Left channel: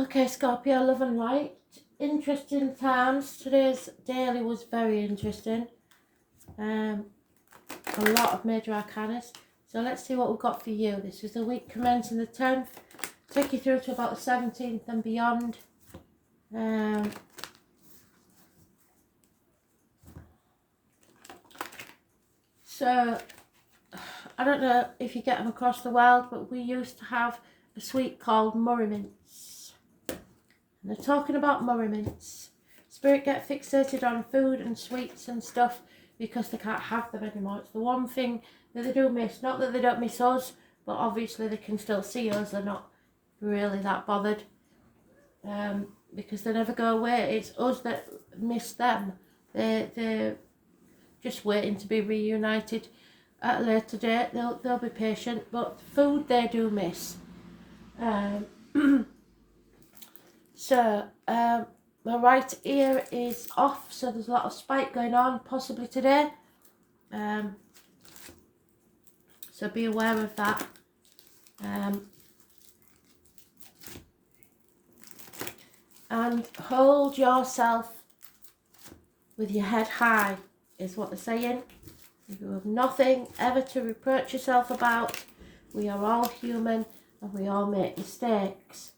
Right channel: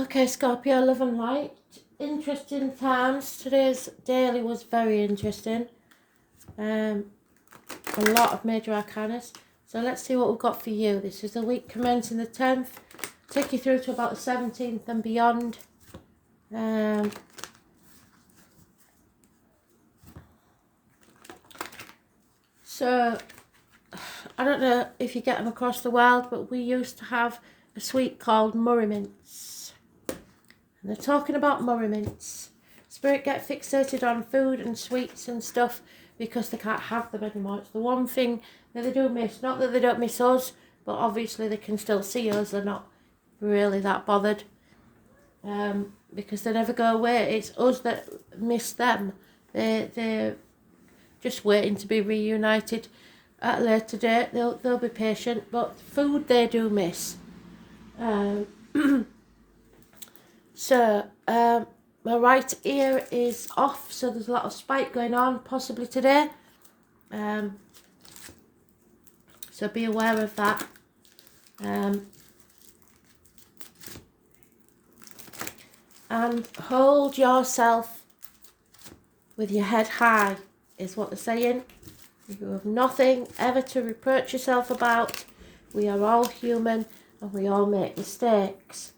Okay, Scorpio, love and light. Interesting times. Today's daily was very interesting. A lot of major arcanas. So let's see what we've got for you. This is the week commencing the 10th. Take you through to about the 17th and beyond. So, I don't know if you get them across the world, but we used to have a sweet called Murray Mints. And they're talking about Murray Mints. Spirit get fixated on food and sweets and stuff because they can't have them anymore. It's the one thing that they do miss. Not that they don't miss us, but obviously they can still see us. They're not really that bothered because they never go away. It's us that miss them. They're just waiting to be reunited at a later date. They'll be patient, but food they do miss. My right ear is off, so there's a lot of spike going on, possibly today. So be aware of that. And hold yourself with your head high, is what they're saying. You have nothing ever to reproach yourself about. We are all human and we all make mistakes.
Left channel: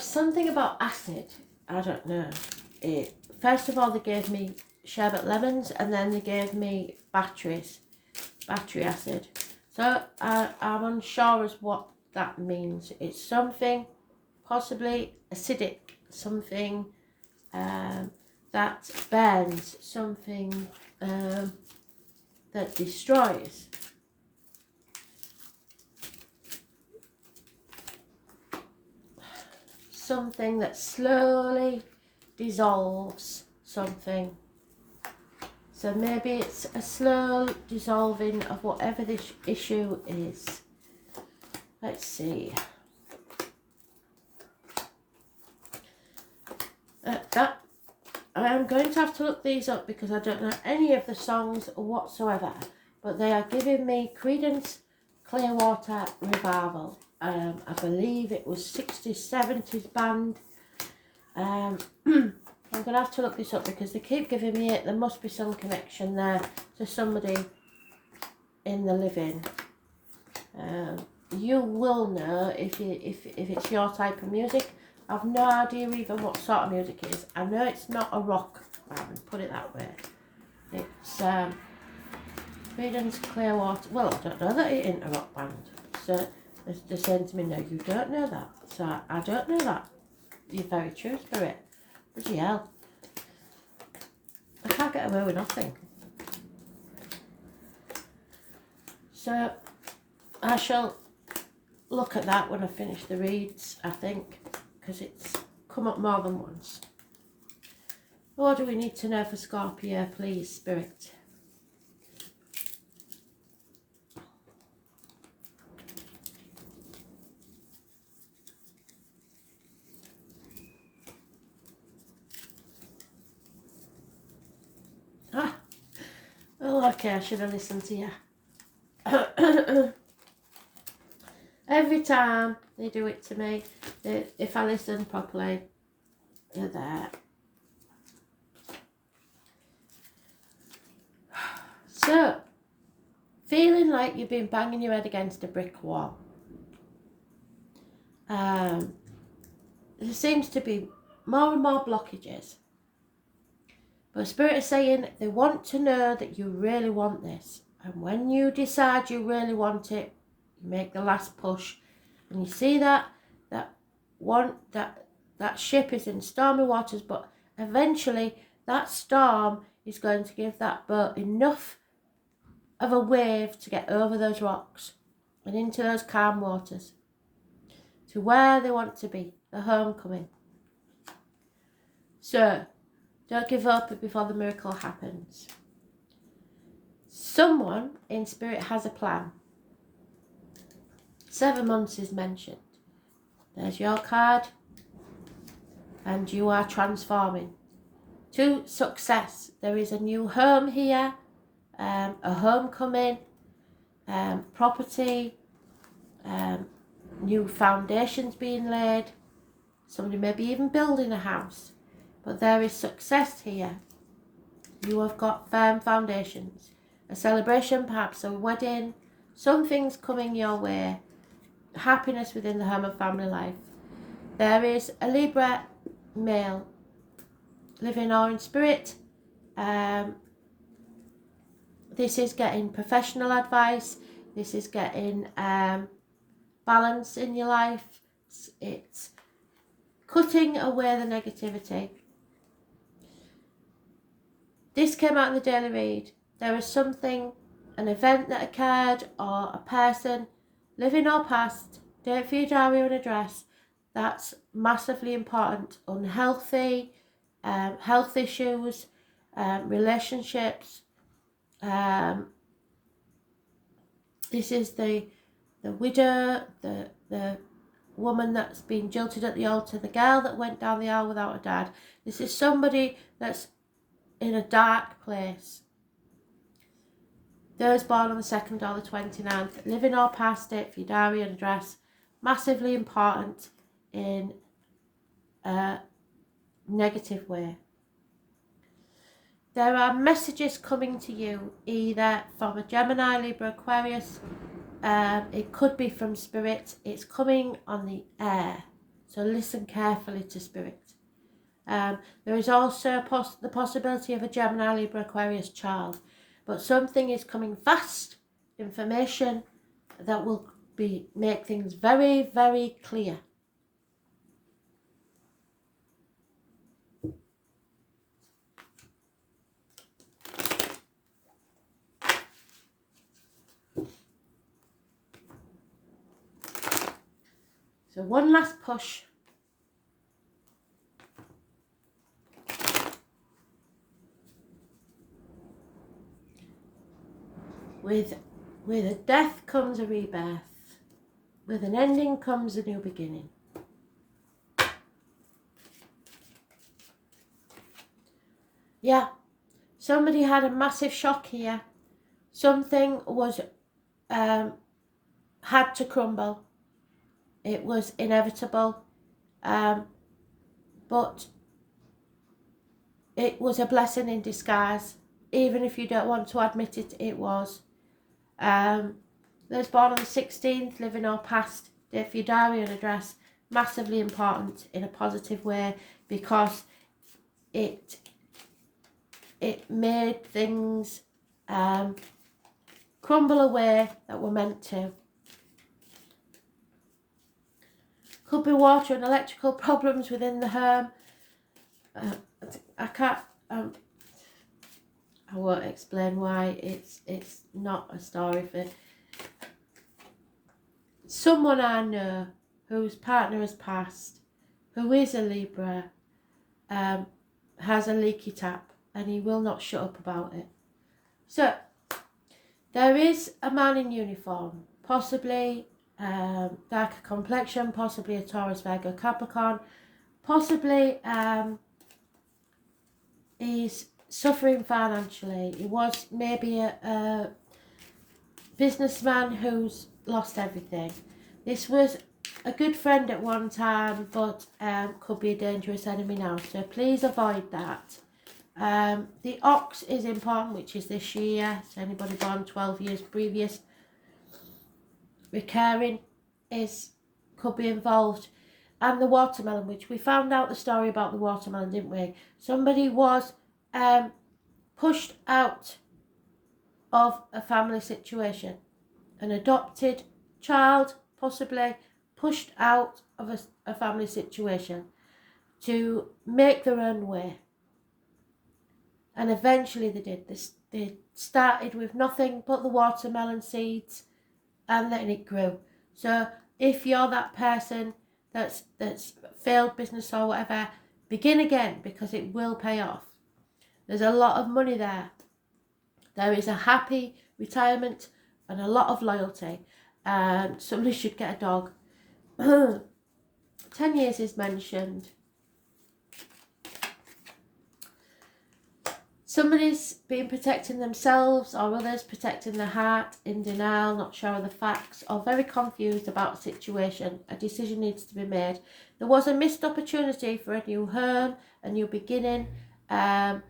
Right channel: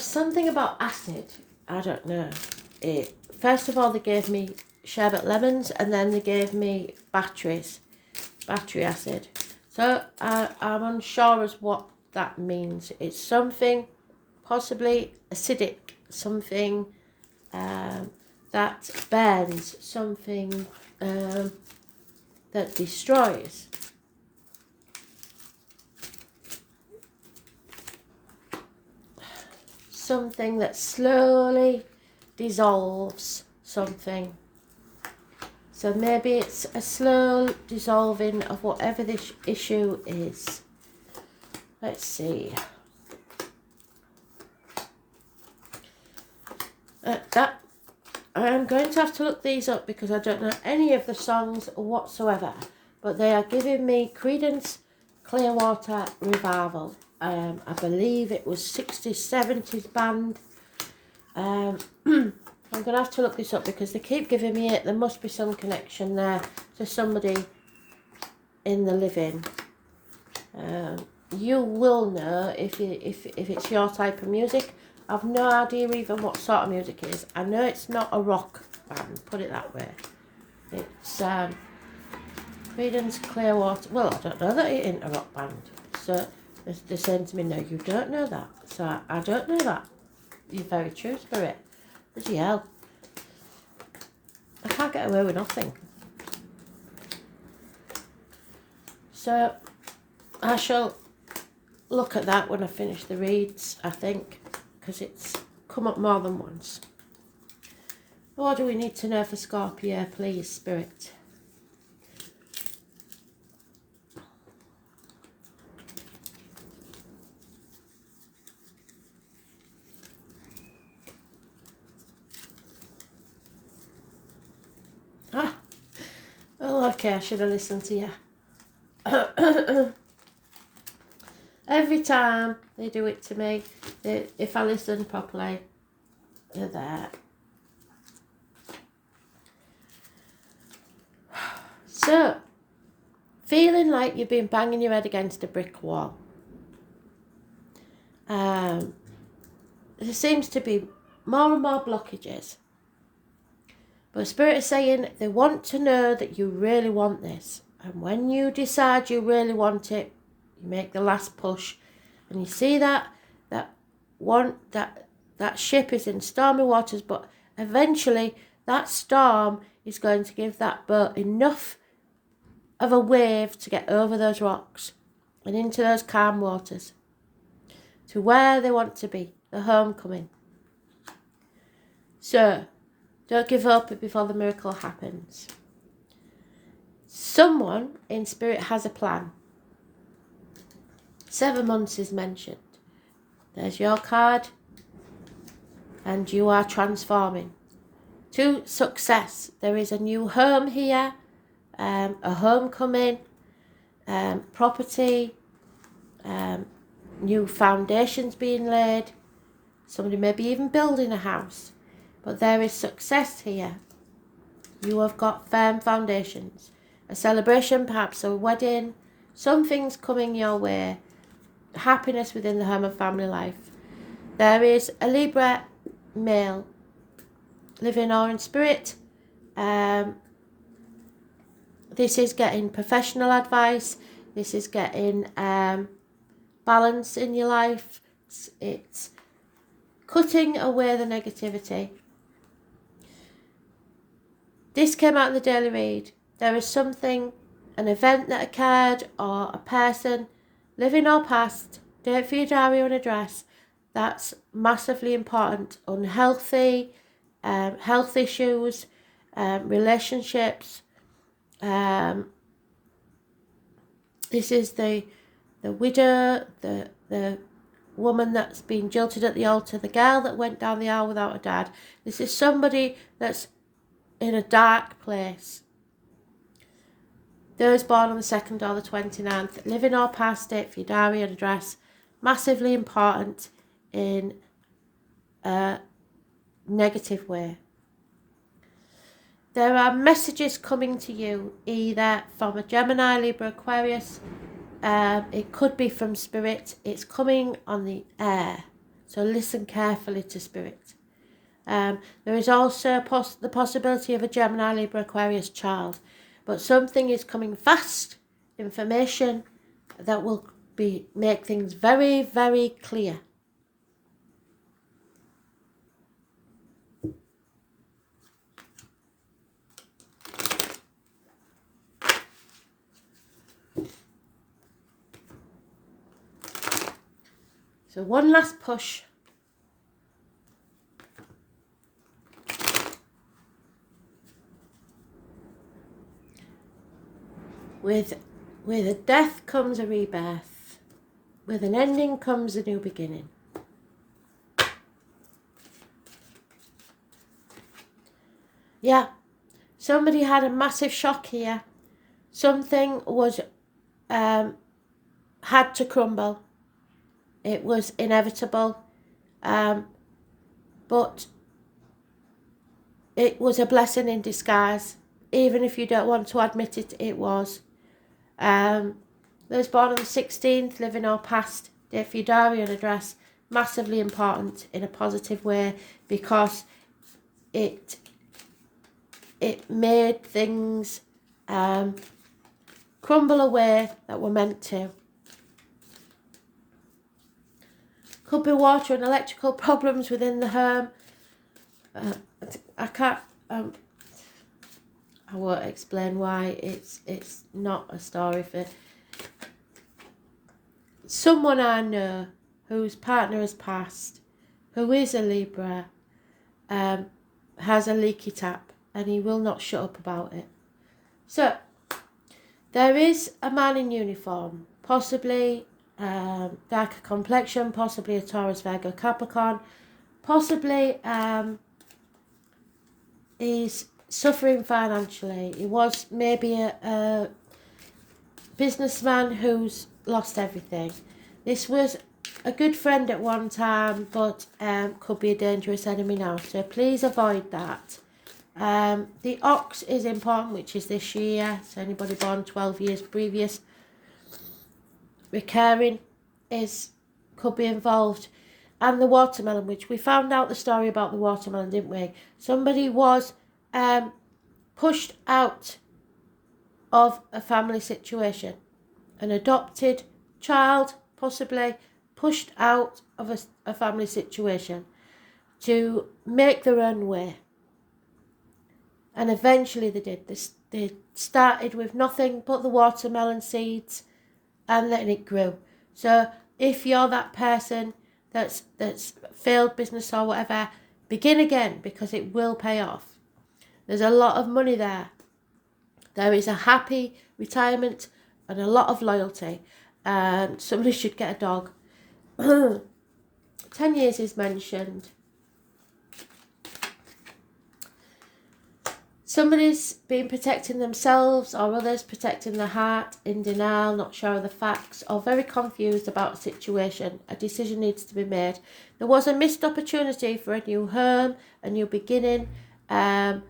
Something about acid, I don't know. First of all, they gave me sherbet lemons and then they gave me battery acid. So I'm unsure as what that means. It's something possibly acidic, something that burns, something that destroys. Something that slowly dissolves something. So maybe it's a slow dissolving of whatever this issue is. Let's see. I am going to have to look these up because I don't know any of the songs whatsoever. But they are giving me Creedence Clearwater Revival. I believe it was 60s, 70s band. I'm going to have to look this up because they keep giving me it. There must be some connection there to somebody in the living. You will know if it's your type of music. I've no idea even what sort of music it is. I know it's not a rock band, put it that way. It's Creedence Clearwater. Well, I don't know that it ain't a rock band. So they're saying to me, no, you don't know that. So I don't know that. You're very true, Spirit. Bloody hell. I can't get away with nothing. So I shall look at that when I finish the reads, I think, because it's come up more than once. What do we need to know for Scorpio, please, Spirit? Oh, okay, I should have listened to you. Every time they do it to me, if I listen properly, they're there. So, feeling like you've been banging your head against a brick wall. There seems to be more and more blockages. But Spirit is saying they want to know that you really want this. And when you decide you really want it, you make the last push. And you see that ship is in stormy waters, but eventually that storm is going to give that boat enough of a wave to get over those rocks and into those calm waters to where they want to be, the homecoming. So, don't give up before the miracle happens. Someone in Spirit has a plan. 7 months is mentioned. There's your card. And you are transforming. to success. There is a new home here, a homecoming, property, new foundations being laid. Somebody may be even building a house. But there is success here. You have got firm foundations. A celebration, perhaps a wedding. Something's coming your way. Happiness within the home and family life. There is a Libra male, living or in spirit. This is getting professional advice. This is getting balance in your life. It's cutting away the negativity. This came out in the daily read. There is something, an event that occurred or a person, living or past, date for your diary or an address, that's massively important. Unhealthy, health issues, relationships. This is the widow, the woman that's been jilted at the altar, the girl that went down the aisle without a dad. This is somebody that's in a dark place. Those born on the 2nd or the 29th, living or past, date for your diary and address, massively important in a negative way. There are messages coming to you either from a Gemini, Libra, Aquarius. It could be from spirit. It's coming on the air. So listen carefully to spirit. There is also the possibility of a Gemini, Libra, Aquarius child. But something is coming fast. Information that will make things very, very clear. So one last push. With a death comes a rebirth. With an ending comes a new beginning. Yeah, somebody had a massive shock here. Something was had to crumble. It was inevitable, but it was a blessing in disguise. Even if you don't want to admit it, it was. Those born on the 16th, living or past, date for your diary and address, massively important in a positive way because it made things crumble away that were meant to. Could be water and electrical problems within the home. I won't explain why. It's not a story for someone I know whose partner has passed, who is a Libra, has a leaky tap, and he will not shut up about it. So there is a man in uniform, possibly darker complexion, possibly a Taurus, Virgo, Capricorn, possibly he's suffering financially. He was maybe a businessman who's lost everything. This was a good friend at one time, but could be a dangerous enemy now. So please avoid that. The ox is important, which is this year. So anybody born 12 years previous, recurring could be involved. And the watermelon, which we found out the story about the watermelon, didn't we? Somebody was pushed out of a family situation. An adopted child, possibly, pushed out of a family situation to make their own way. And eventually they did. They started with nothing but the watermelon seeds and letting it grow. So if you're that person that's failed business or whatever, begin again because it will pay off. There's a lot of money there. There is a happy retirement and a lot of loyalty. And somebody should get a dog. 10 years is mentioned. Somebody's been protecting themselves or others protecting their heart, in denial, not sure of the facts, or very confused about a situation. A decision needs to be made. There was a missed opportunity for a new home, a new beginning, a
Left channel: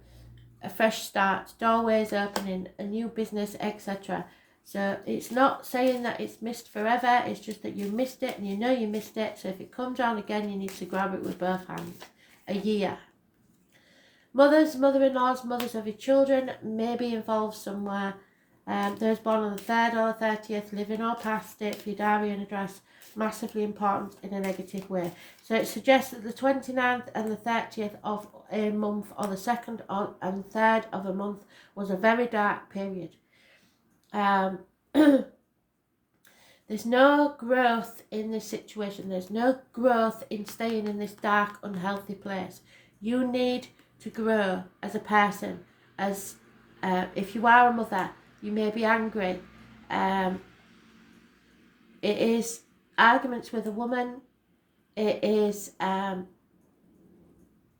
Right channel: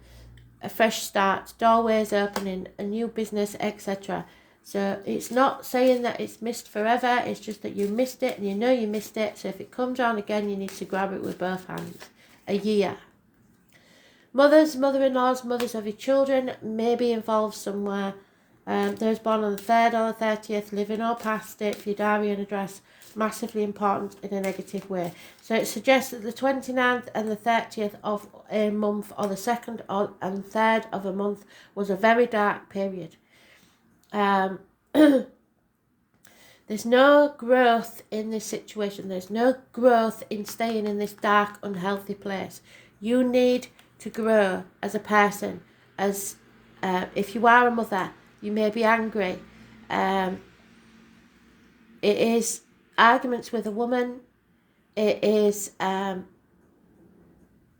fresh start, doorways opening, a new business, etc. So it's not saying that it's missed forever, it's just that you missed it and you know you missed it. So if it comes on again, you need to grab it with both hands. A year. Mothers, mother-in-laws, mothers of your children may be involved somewhere. Those born on the 3rd or the 30th, living or past it, for your diary and address, massively important in a negative way. So it suggests that the 29th and the 30th of a month, or the 2nd and 3rd of a month, was a very dark period. There's no growth in this situation. There's no growth in staying in this dark, unhealthy place. You need to grow as a person. As if you are a mother, you may be angry. It is arguments with a woman. It is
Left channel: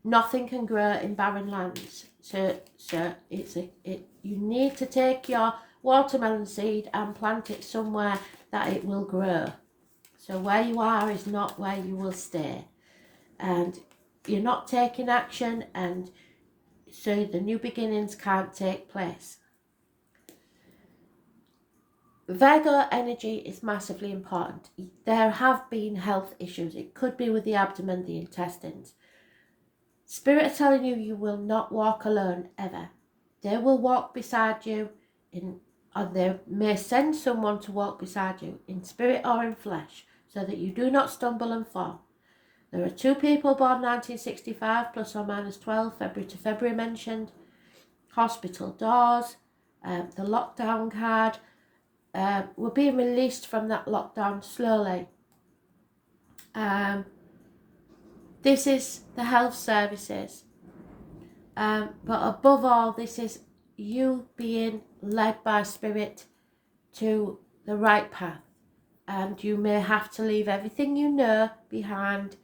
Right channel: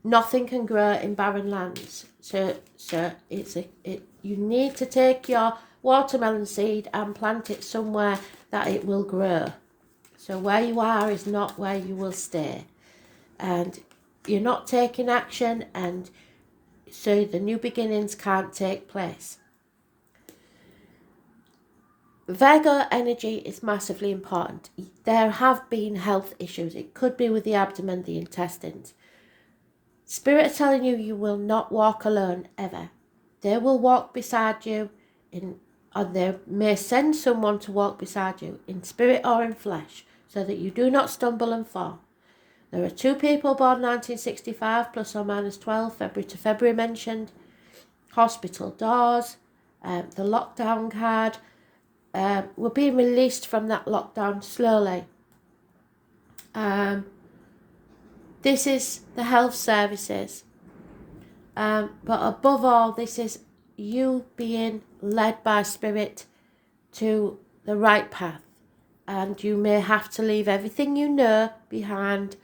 nothing can grow in barren lands. So you need to take your watermelon seed and plant it somewhere that it will grow. So where you are is not where you will stay, and you're not taking action, and so the new beginnings can't take place. Virgo energy is massively important. There have been health issues. It could be with the abdomen, the intestines. Spirit are telling you you will not walk alone ever. They will walk beside you, or they may send someone to walk beside you in spirit or in flesh, so that you do not stumble and fall. There are 2 people born 1965 plus or minus 12, February to February mentioned. Hospital doors, the lockdown card. We're being released from that lockdown slowly. This is the health services. But above all, this is you being led by spirit to the right path. And you may have to leave everything you know behind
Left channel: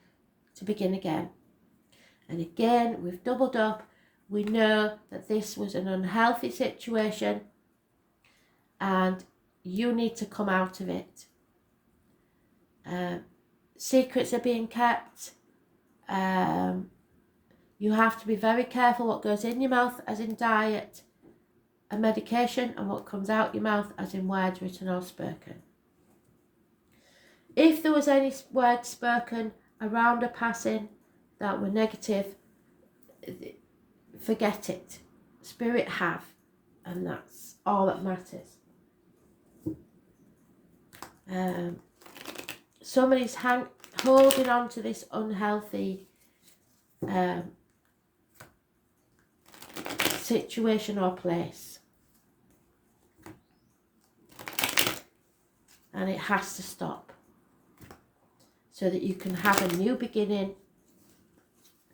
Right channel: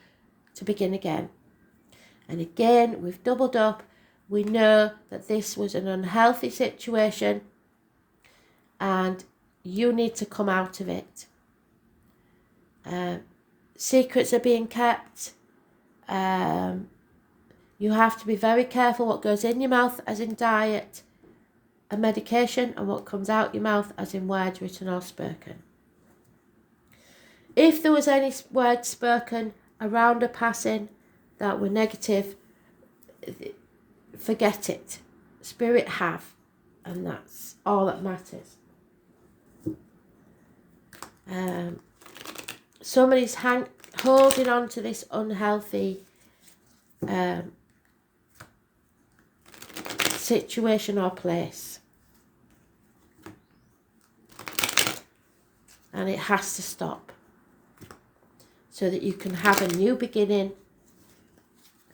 to begin again. And again, we've doubled up. We know that this was an unhealthy situation and you need to come out of it. Secrets are being kept. You have to be very careful what goes in your mouth, as in diet and medication, and what comes out your mouth, as in words written or spoken. If there was any words spoken around a passing that were negative, forget it. Spirit have, and that's all that matters. Somebody's holding on to this unhealthy situation or place, and it has to stop so that you can have a new beginning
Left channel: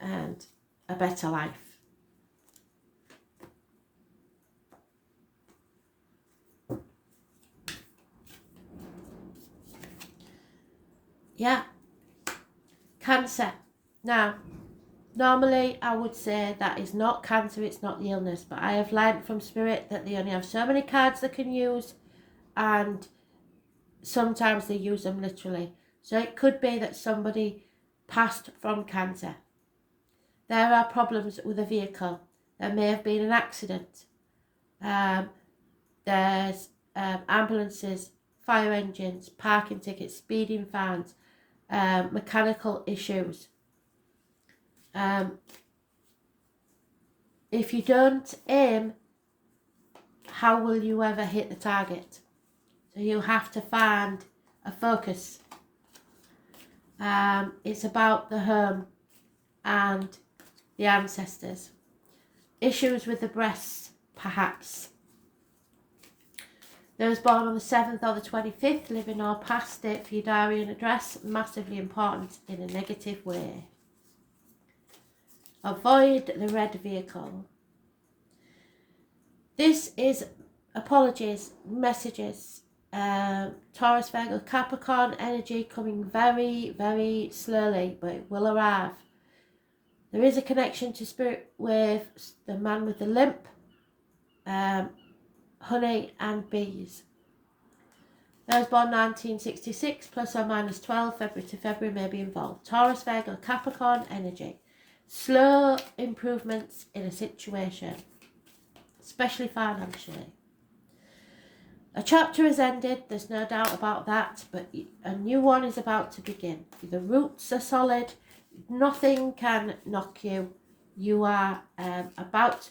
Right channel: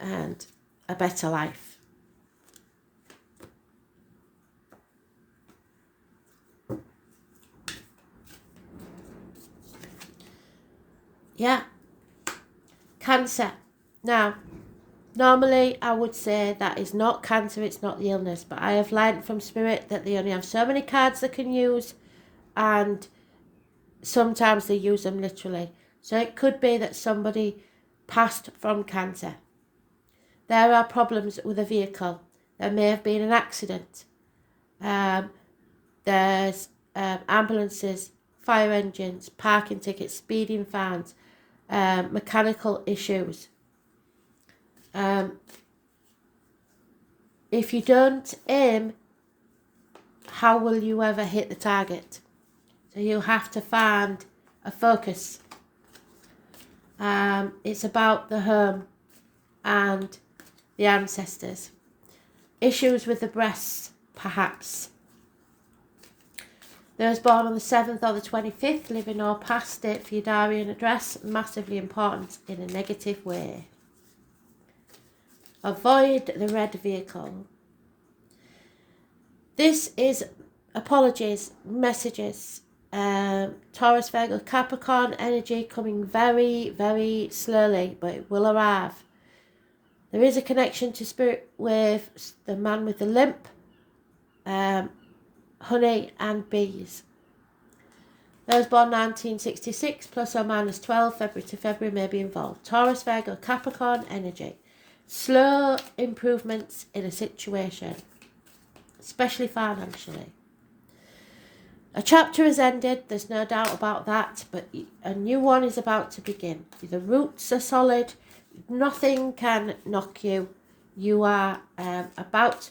and a better life. Yeah. Cancer. Now, normally I would say that is not cancer, it's not the illness, but I have learned from Spirit that they only have so many cards they can use, and sometimes they use them literally. So it could be that somebody passed from cancer. There are problems with a vehicle. There may have been an accident. There's ambulances, fire engines, parking tickets, speeding fines, mechanical issues. If you don't aim, how will you ever hit the target? So you have to find a focus. It's about the home and the ancestors. Issues with the breasts, perhaps. Those born on the 7th or the 25th, living or past it, for your diary and address, massively important in a negative way. Avoid the red vehicle. This is apologies, messages. Taurus, Virgo, Capricorn energy coming very, very slowly, but it will arrive. There is a connection to spirit with the man with the limp, honey and bees. Those born 1966 plus or minus 12 February to February may be involved. Taurus, Virgo, Capricorn energy. Slow improvements in a situation, especially financially. A chapter has ended, there's no doubt about that, but a new one is about to begin. The roots are solid, nothing can knock you. You are about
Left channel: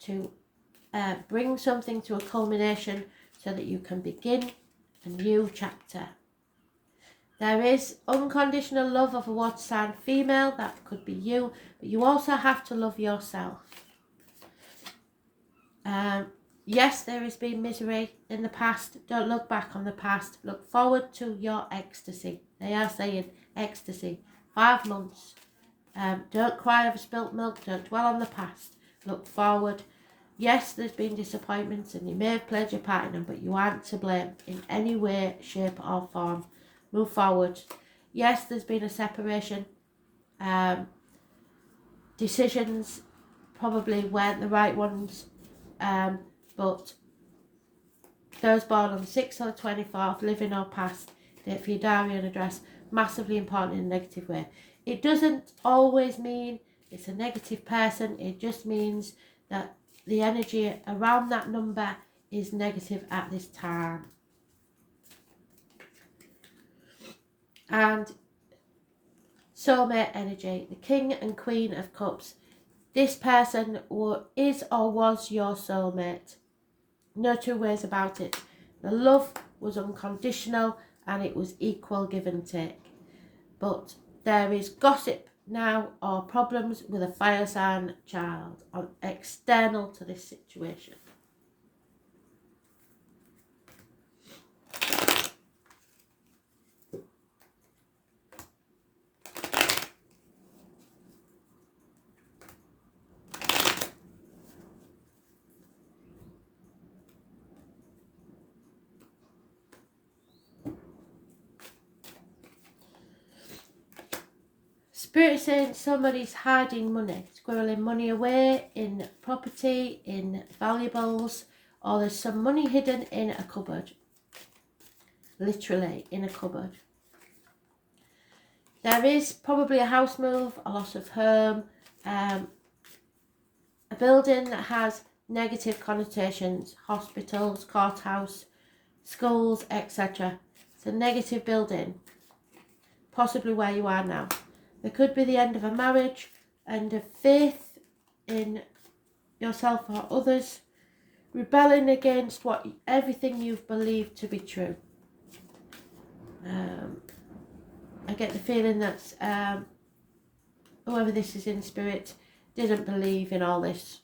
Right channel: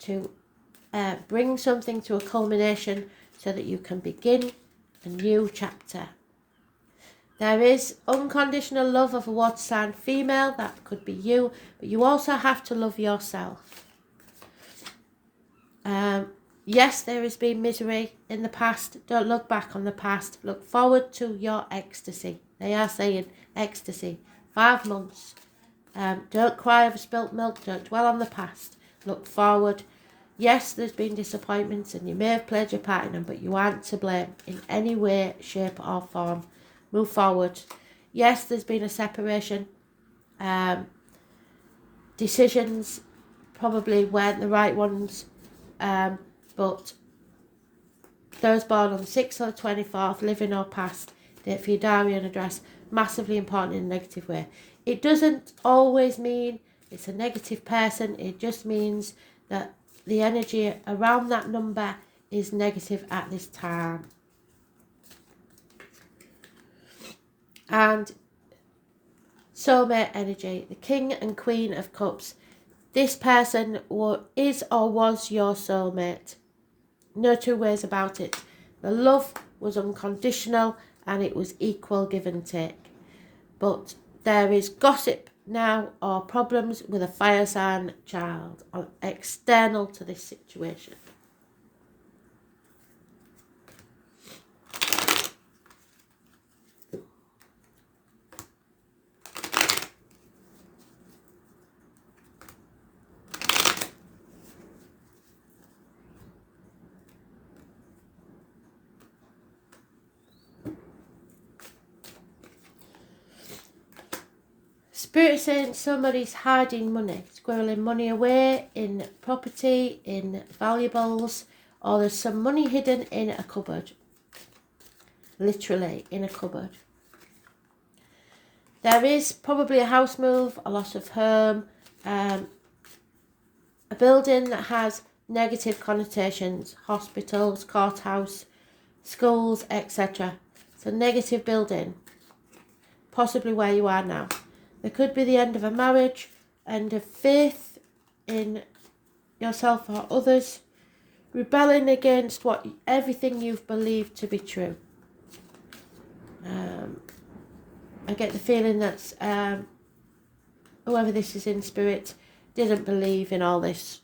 to bring something to a culmination so that you can begin a new chapter. There is unconditional love of a water sign female, that could be you, but you also have to love yourself. Yes, there has been misery in the past. Don't look back on the past. Look forward to your ecstasy. They are saying ecstasy. 5 months. Don't cry over spilt milk. Don't dwell on the past. Look forward. Yes, there's been disappointments and you may have played your part in them, but you aren't to blame in any way, shape or form. Move forward. Yes, there's been a separation. Decisions probably weren't the right ones. But those born on the 6th or the 24th, living or past, date for your diary and address, massively important in a negative way. It doesn't always mean it's a negative person. It just means that the energy around that number is negative at this time. And soulmate energy, the King and Queen of Cups. This person is or was your soulmate. No two ways about it. The love was unconditional and it was equal give and take. But there is gossip now or problems with a fire sign child external to this situation. Spirit saying somebody's hiding money, squirreling money away in property, in valuables, or there's some money hidden in a cupboard. Literally in a cupboard. There is probably a house move, a loss of home, a building that has negative connotations, hospitals, courthouse, schools, etc. It's a negative building, possibly where you are now. There could be the end of a marriage, end of faith in yourself or others, rebelling against everything you've believed to be true. I get the feeling that whoever this is in spirit didn't believe in all this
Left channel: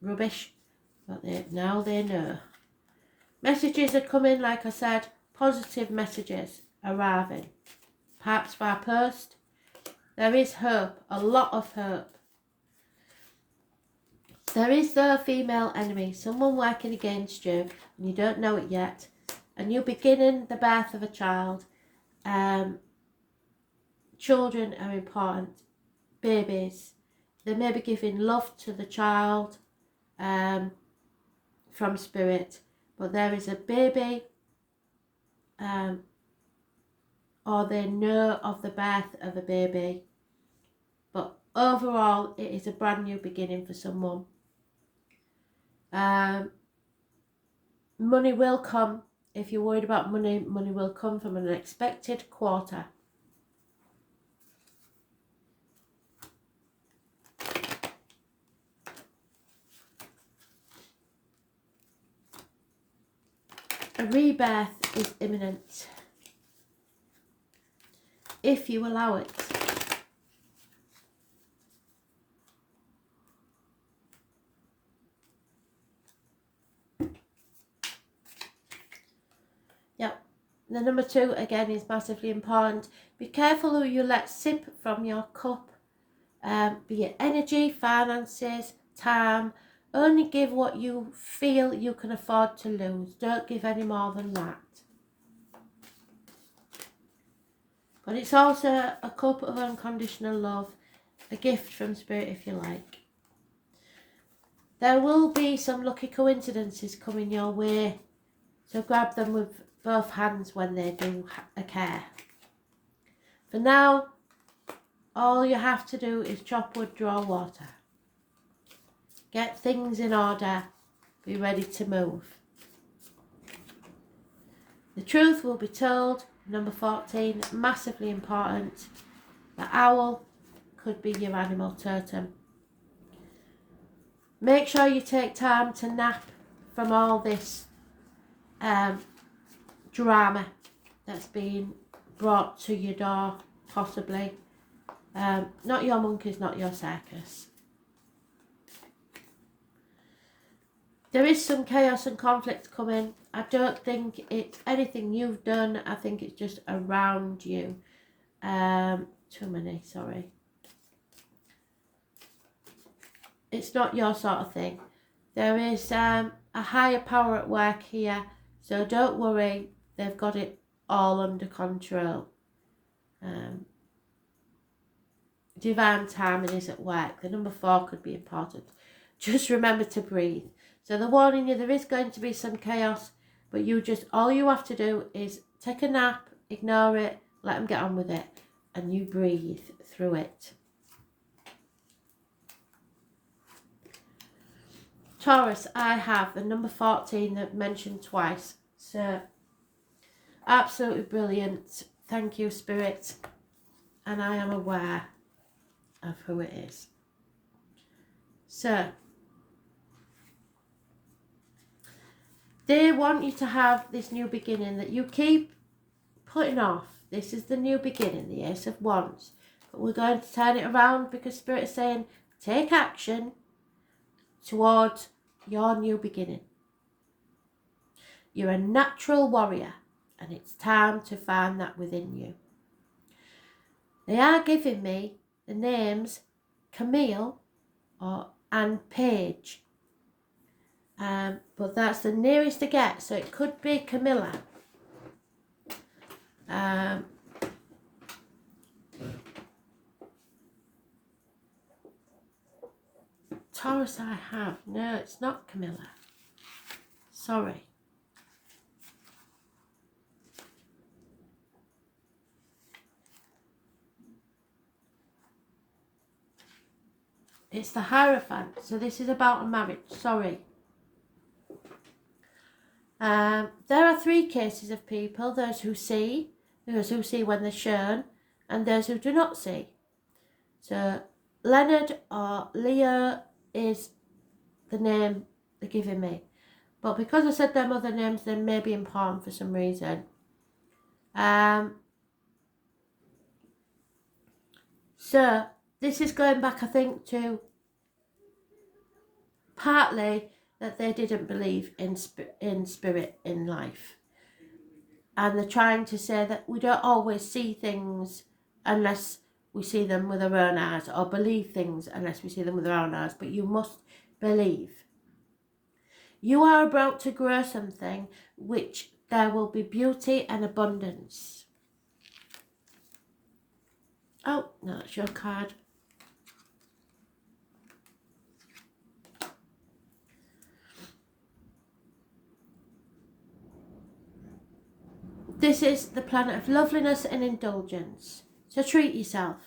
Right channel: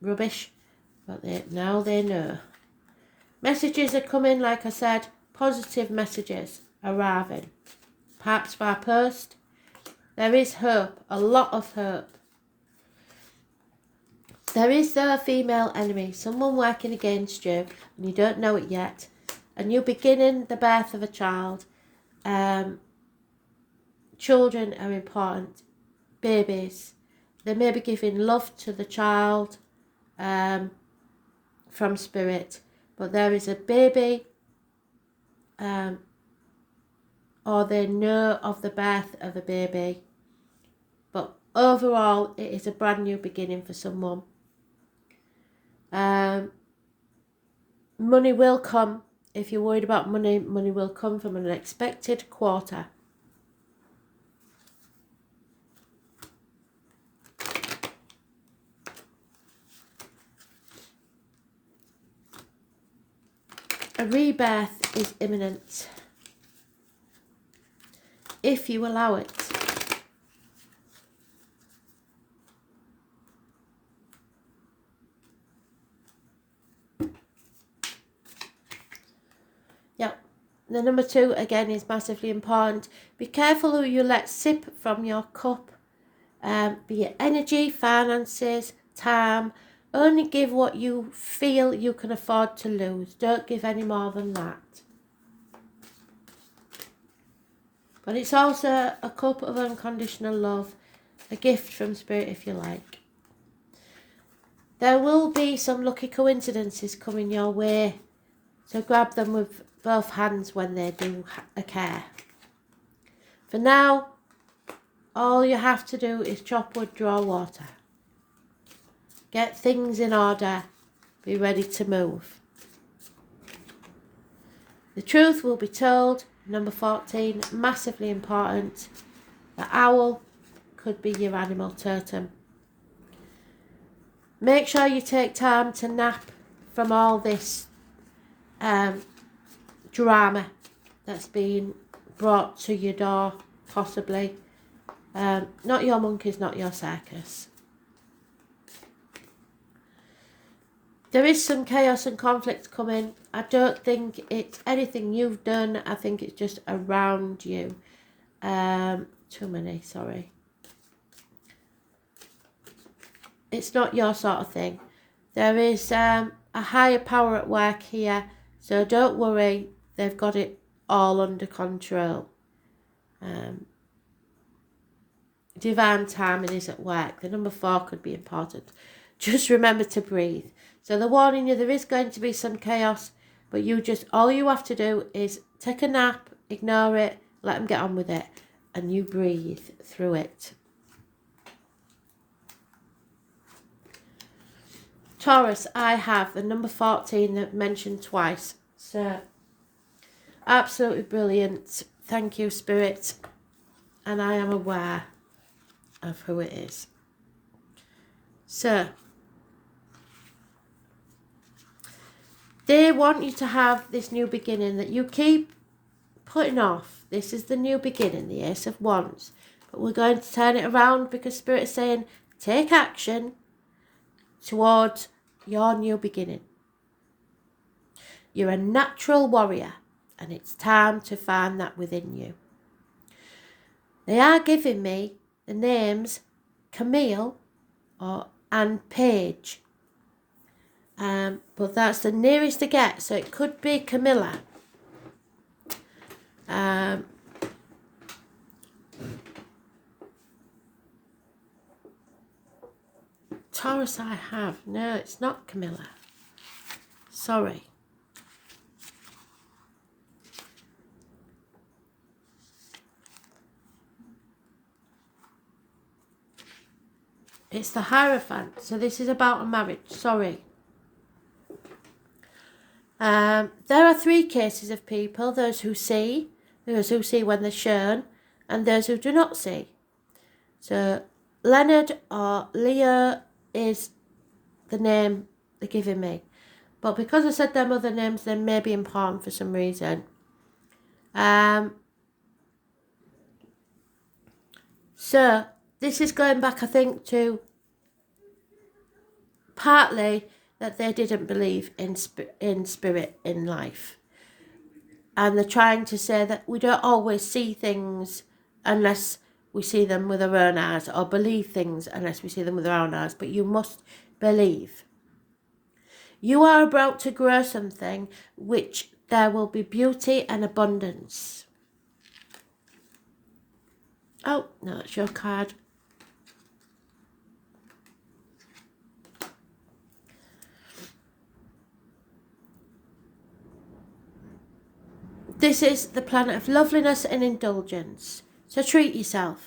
rubbish, but now they know. Messages are coming, like I said, positive messages arriving. Perhaps by post. There is hope, a lot of hope. There is a female enemy, someone working against you, and you don't know it yet. And you're beginning the birth of a child. Children are important. Babies. They may be giving love to the child from spirit. But there is a baby. Or they know of the birth of a baby. But overall, it is a brand new beginning for someone. Money will come. If you're worried about money, money will come from an unexpected quarter. A rebirth is imminent. If you allow it. Yeah, the number 2 again is massively important. Be careful who you let sip from your cup. Be it energy, finances, time. Only give what you feel you can afford to lose. Don't give any more than that. But it's also a cup of unconditional love. a gift from Spirit if you like. There will be some lucky coincidences coming your way, so grab them with both hands when they do occur. For now, all you have to do is chop wood, draw water. Get things in order, be ready to move. The truth will be told, number 14, massively important. The owl could be your animal totem. Make sure you take time to nap from all this drama that's being brought to your door, possibly. Not your monkeys, not your circus. There is some chaos and conflict coming. I don't think it's anything you've done. I think it's just around you. Too many, sorry. It's not your sort of thing. There is a higher power at work here, so don't worry. They've got it all under control. Divine timing is at work. The number 4 could be important. Just remember to breathe. So they're warning you there is going to be some chaos, but all you have to do is take a nap, ignore it, let them get on with it, and you breathe through it. Taurus, I have the number 14 that mentioned twice. So absolutely brilliant. Thank you, Spirit. And I am aware of who it is. So they want you to have this new beginning that you keep putting off. This is the new beginning, the Ace of Wands. But we're going to turn it around because Spirit is saying, take action towards your new beginning. You're a natural warrior, and it's time to find that within you. They are giving me the names Camille and Paige. But that's the nearest to get, so it could be Camilla. Taurus I have. No, it's not Camilla. Sorry. It's the Hierophant. So this is about a marriage. Sorry. There are 3 cases of people. Those who see when they're shown, and those who do not see. So Leonard or Leo is the name they're giving me. But because I said them other names, they may be important for some reason. So this is going back, I think, to partly that they didn't believe in spirit in life. And they're trying to say that we don't always see things unless we see them with our own eyes, or believe things unless we see them with our own eyes. But you must believe. You are about to grow something which there will be beauty and abundance. Oh, no, that's your card. This is the planet of loveliness and indulgence. So treat yourself.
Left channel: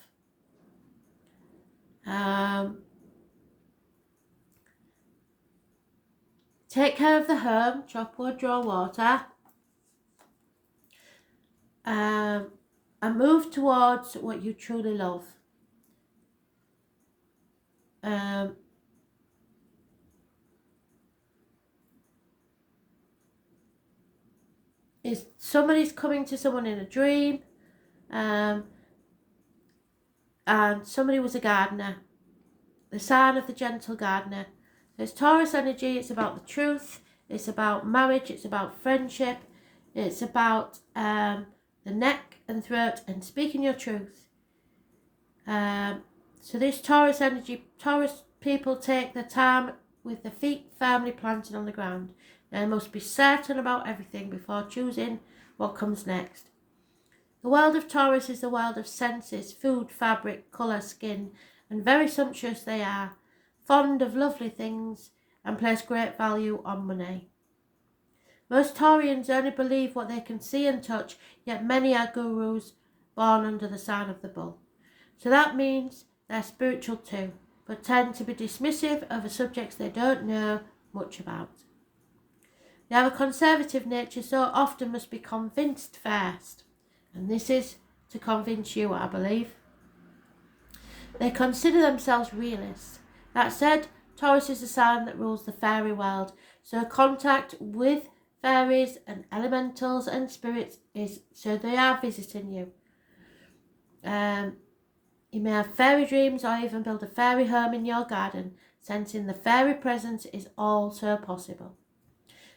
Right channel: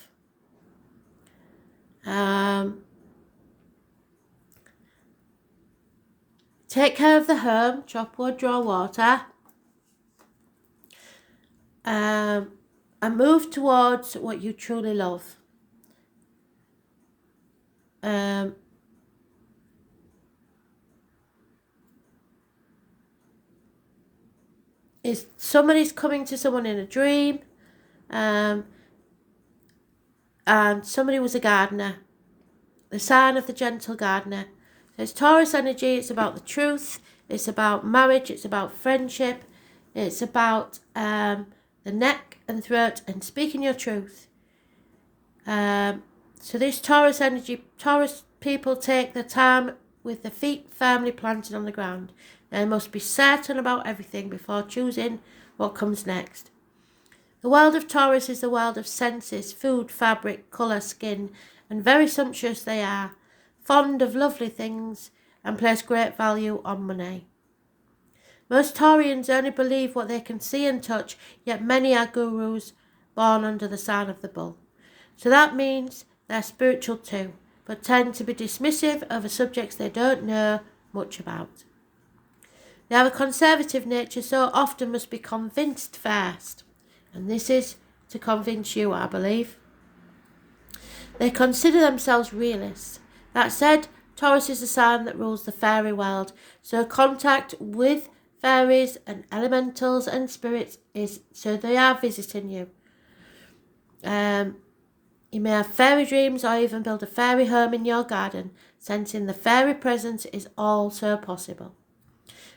Take care of the home, chop wood, draw water. And move towards what you truly love. Is somebody's coming to someone in a dream, and somebody was a gardener, the sign of the gentle gardener. So it's Taurus energy. It's about the truth, it's about marriage, it's about friendship, it's about the neck and throat and speaking your truth. So this Taurus energy, Taurus people take their time with their feet firmly planted on the ground. They must be certain about everything before choosing what comes next. The world of Taurus is the world of senses, food, fabric, colour, skin, and very sumptuous they are, fond of lovely things, and place great value on money. Most Taurians only believe what they can see and touch, yet many are gurus born under the sign of the bull. So that means they're spiritual too, but tend to be dismissive over subjects they don't know much about. They have a conservative nature, so often must be convinced first. And this is to convince you, I believe. They consider themselves realists. That said, Taurus is the sign that rules the fairy world, so contact with fairies and elementals and spirits is so they are visiting you. You may have fairy dreams or even build a fairy home in your garden. Sensing the fairy presence is also possible.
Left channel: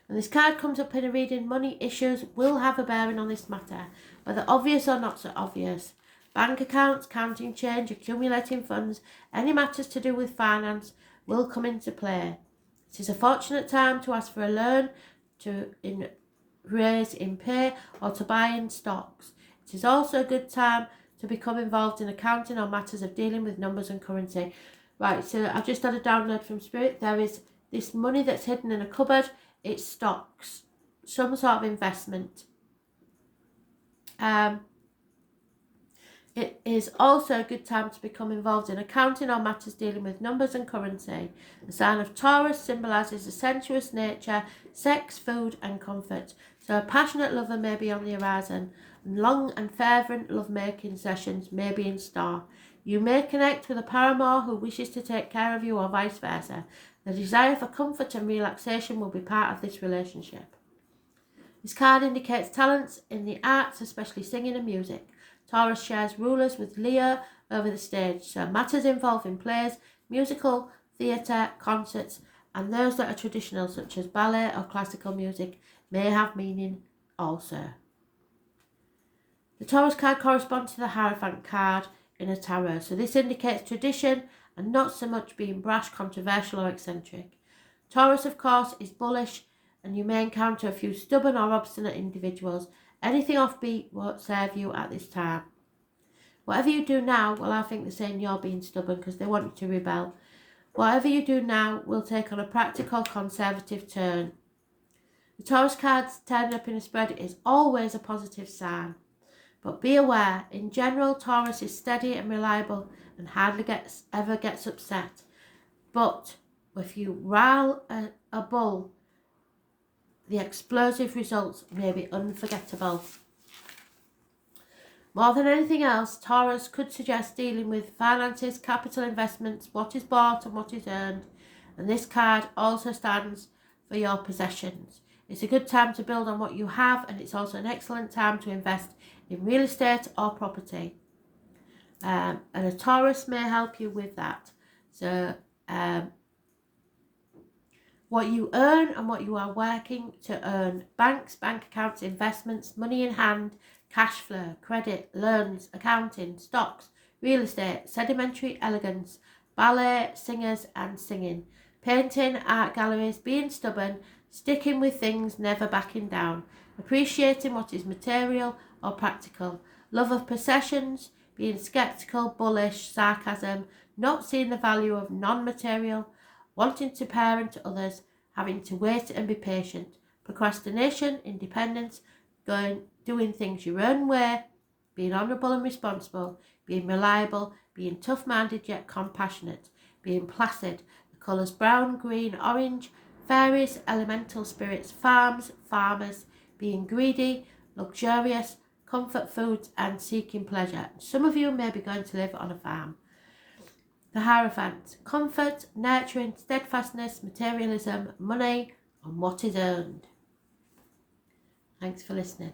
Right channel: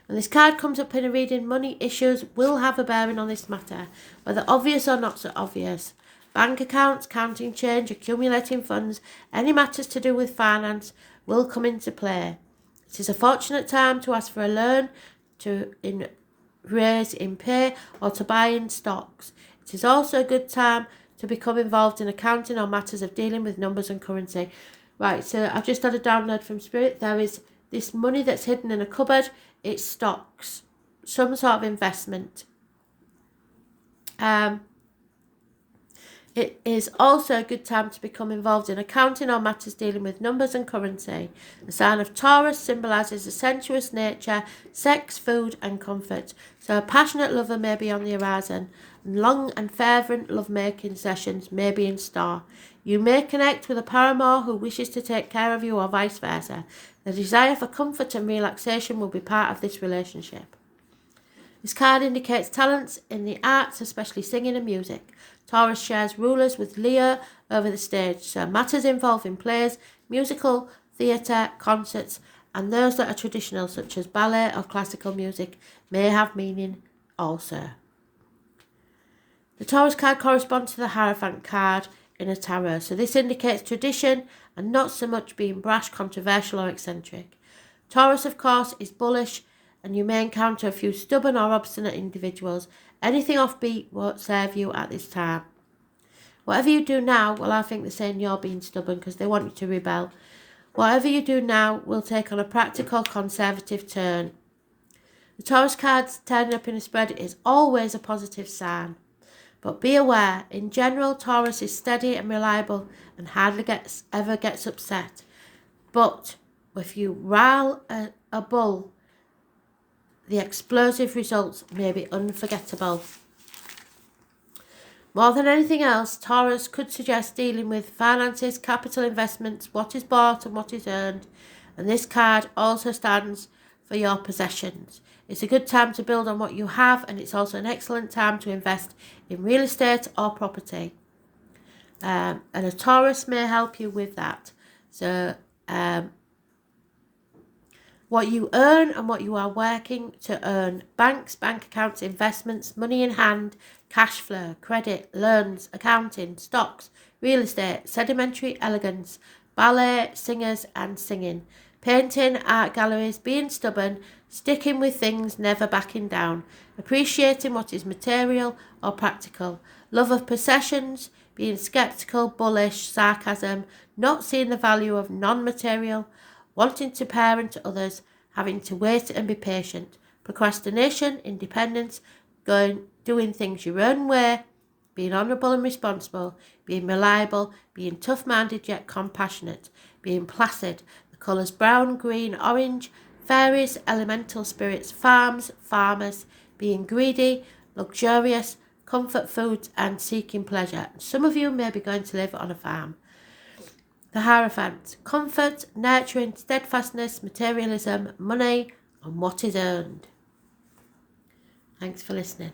When this card comes up in a reading, money issues will have a bearing on this matter, whether obvious or not so obvious. Bank accounts, counting change, accumulating funds, any matters to do with finance will come into play. It is a fortunate time to ask for a loan, to raise in pay, or to buy in stocks. It is also a good time to become involved in accounting or matters of dealing with numbers and currency. Right, so I've just had a download from Spirit. There is this money that's hidden in a cupboard. It's stocks, some sort of investment. It is also a good time to become involved in accounting or matters dealing with numbers and currency. The sign of Taurus symbolises a sensuous nature, sex, food and comfort. So a passionate lover may be on the horizon. Long and fervent love-making sessions may be in store. You may connect with a paramour who wishes to take care of you or vice versa. The desire for comfort and relaxation will be part of this relationship. This card indicates talents in the arts, especially singing and music. Taurus shares rulers with Leo over the stage, so matters involving plays, musical, theatre, concerts, and those that are traditional, such as ballet or classical music, may have meaning also. The Taurus card corresponds to the Hierophant card in a tarot, so this indicates tradition and not so much being brash, controversial or eccentric. Taurus, of course, is bullish, and you may encounter a few stubborn or obstinate individuals. Anything offbeat won't serve you at this time. Whatever you do now, well, I think they're saying you're being stubborn because they want you to rebel. Whatever you do now will take on a practical, conservative turn. The Taurus cards turning up in a spread is always a positive sign. But be aware, in general, Taurus is steady and reliable and hardly ever gets upset. But if you rile a bull, the explosive results may be unforgettable. More than anything else, Taurus could suggest dealing with finances, capital investments, what is bought and what is earned. And this card also stands for your possessions. It's a good time to build on what you have, and it's also an excellent time to invest in real estate or property. And a Taurus may help you with that. So what you earn and what you are working to earn. Banks, bank accounts, investments, money in hand, cash flow, credit, loans, accounting, stocks, real estate, sedimentary elegance, ballet, singers and singing, painting, art galleries, being stubborn, sticking with things, never backing down, appreciating what is material or practical, love of possessions, being sceptical, bullish, sarcasm, not seeing the value of non-material, wanting to parent others, having to wait and be patient, procrastination, independence, doing things your own way, being honourable and responsible, being reliable, being tough-minded yet compassionate, being placid, the colours brown, green, orange, fairies, elemental spirits, farms, farmers, being greedy, luxurious, comfort foods and seeking pleasure. Some of you may be going to live on a farm. The Hierophant, comfort, nurturing, steadfastness, materialism, money, and what is earned. Thanks for listening.